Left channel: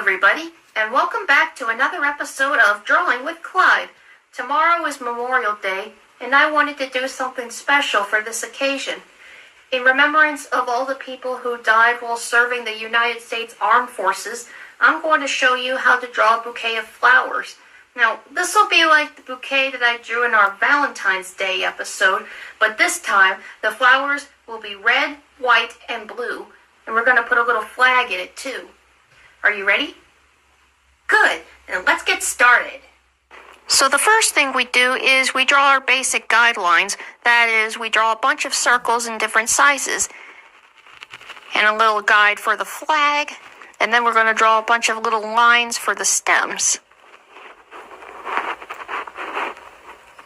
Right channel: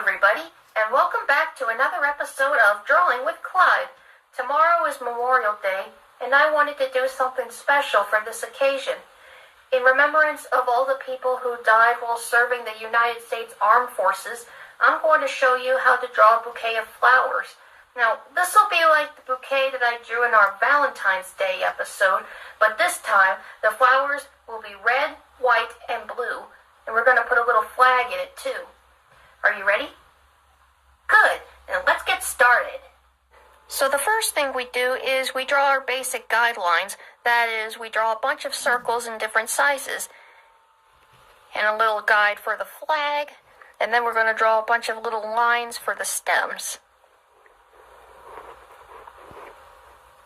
everybody, and welcome back to another episode of Drawing with Clyde. Tomorrow is Memorial Day, and I wanted to do something special for this occasion. In remembrance of all the people who died while serving the United States Armed Forces, I'm going to show you how to draw a bouquet of flowers. Now, this will be like the bouquet that I drew in our Valentine's Day episode, but this time the flowers will be red, white, and blue, and we're going to put a little flag in it too. Are you ready? Good, and let's get started. So the first thing we do is we draw our basic guidelines. That is, we draw a bunch of circles in different sizes and a little guide for the flag, and then we're going to draw a bunch of little lines for the stems.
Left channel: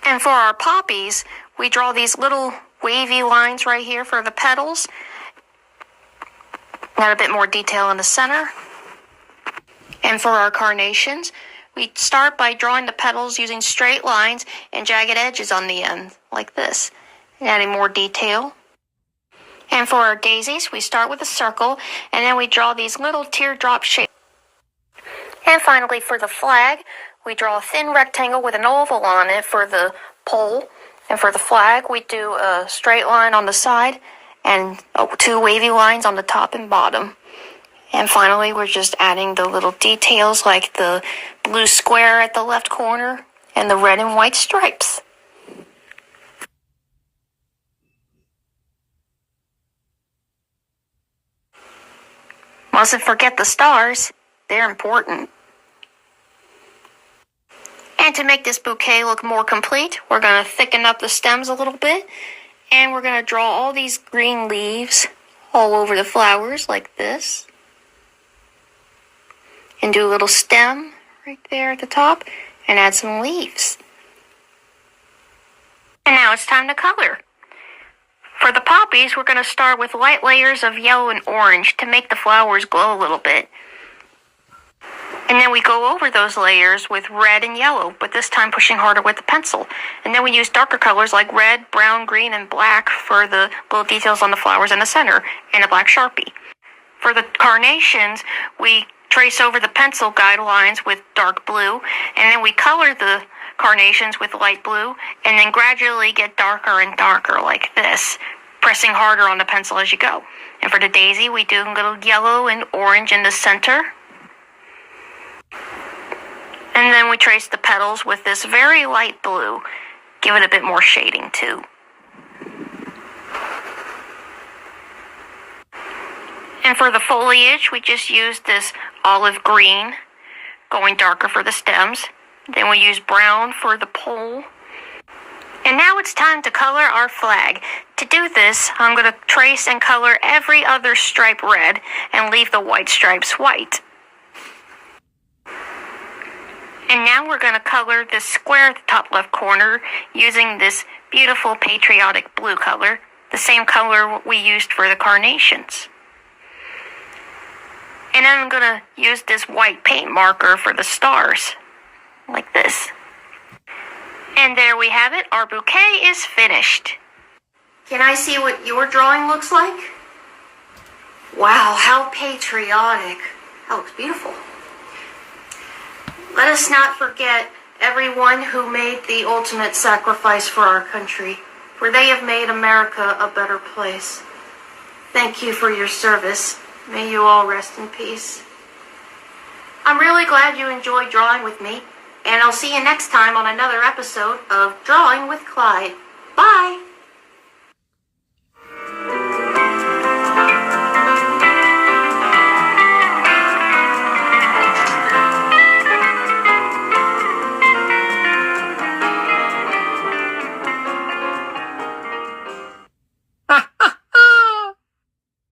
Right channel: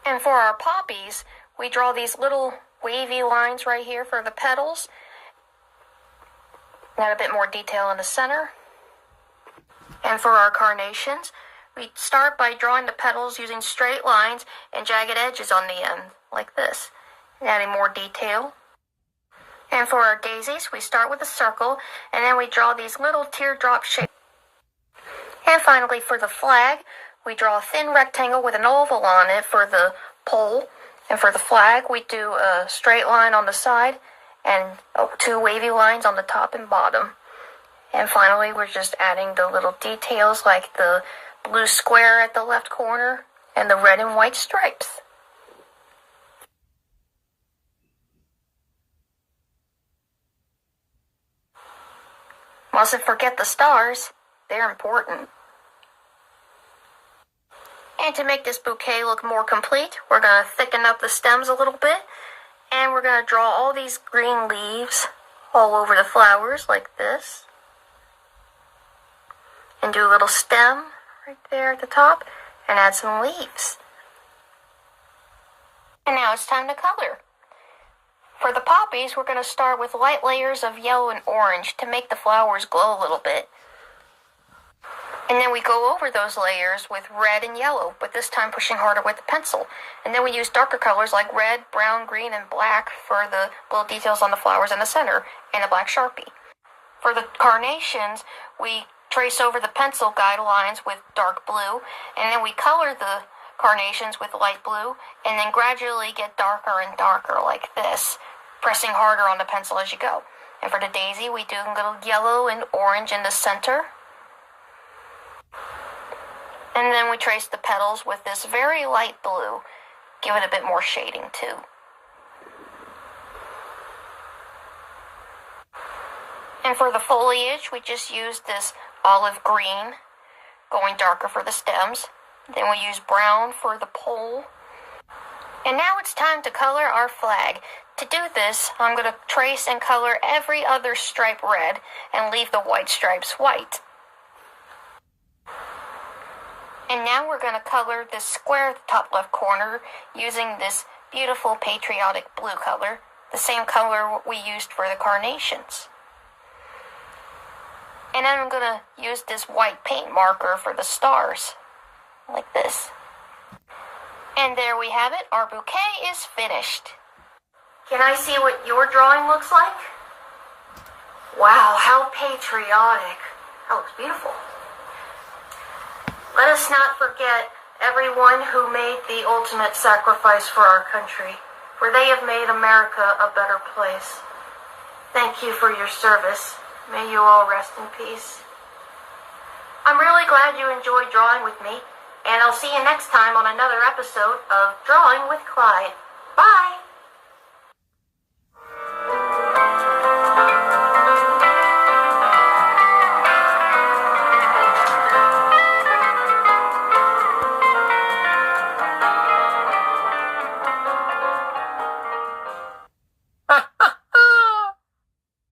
And for our poppies, we draw these little wavy lines right here for the petals. Add a bit more detail in the center. And for our carnations, we start by drawing the petals using straight lines and jagged edges on the end, like this, adding more detail. And for our daisies, we start with a circle, and then we draw these little teardrop shapes. And finally, for the flag, we draw a thin rectangle with an oval on it for the pole. And for the flag, we do a straight line on the side and two wavy lines on the top and bottom. And finally, we're just adding the little details like the blue square at the left corner and the red and white stripes. Mustn't forget the stars. They're important. And to make this bouquet look more complete, we're going to thicken up the stems a little bit. And we're going to draw all these green leaves all over the flowers like this. And do a little stem right there at the top and add some leaves. And now it's time to color. For the poppies, we're going to start with light layers of yellow and orange to make the flowers glow a little bit. And then we go over those layers with red and yellow, but this time pushing harder with the pencil. And then we use darker colors like red, brown, green, and black for the little details on the flowers in the center, and a black Sharpie. For the carnations, we trace over the pencil guidelines with dark blue, and then we color the carnations with light blue, and then gradually get darker and darker like this, pressing harder on the pencil as you go. And for the daisy, we do a little yellow and orange in the center. And then we trace the petals with this very light blue, give it a bit more shading too. And for the foliage, we just use this olive green, going darker for the stems. Then we use brown for the pole. And now it's time to color our flag. To do this, I'm going to trace and color every other stripe red and leave the white stripes white. And now we're going to color this square at the top left corner using this beautiful patriotic blue color, the same color we used for the carnations. And then I'm going to use this white paint marker for the stars, like this. And there we have it. Our bouquet is finished. Can I see what your drawing looks like? Wow, how patriotic. That looks beautiful. Let us not forget everyone who made the ultimate sacrifice for our country, for they have made America a better place. Thank you for your service. May you all rest in peace. I'm really glad you enjoyed drawing with me, and I'll see you next time on another episode of Drawing with Clyde. Bye!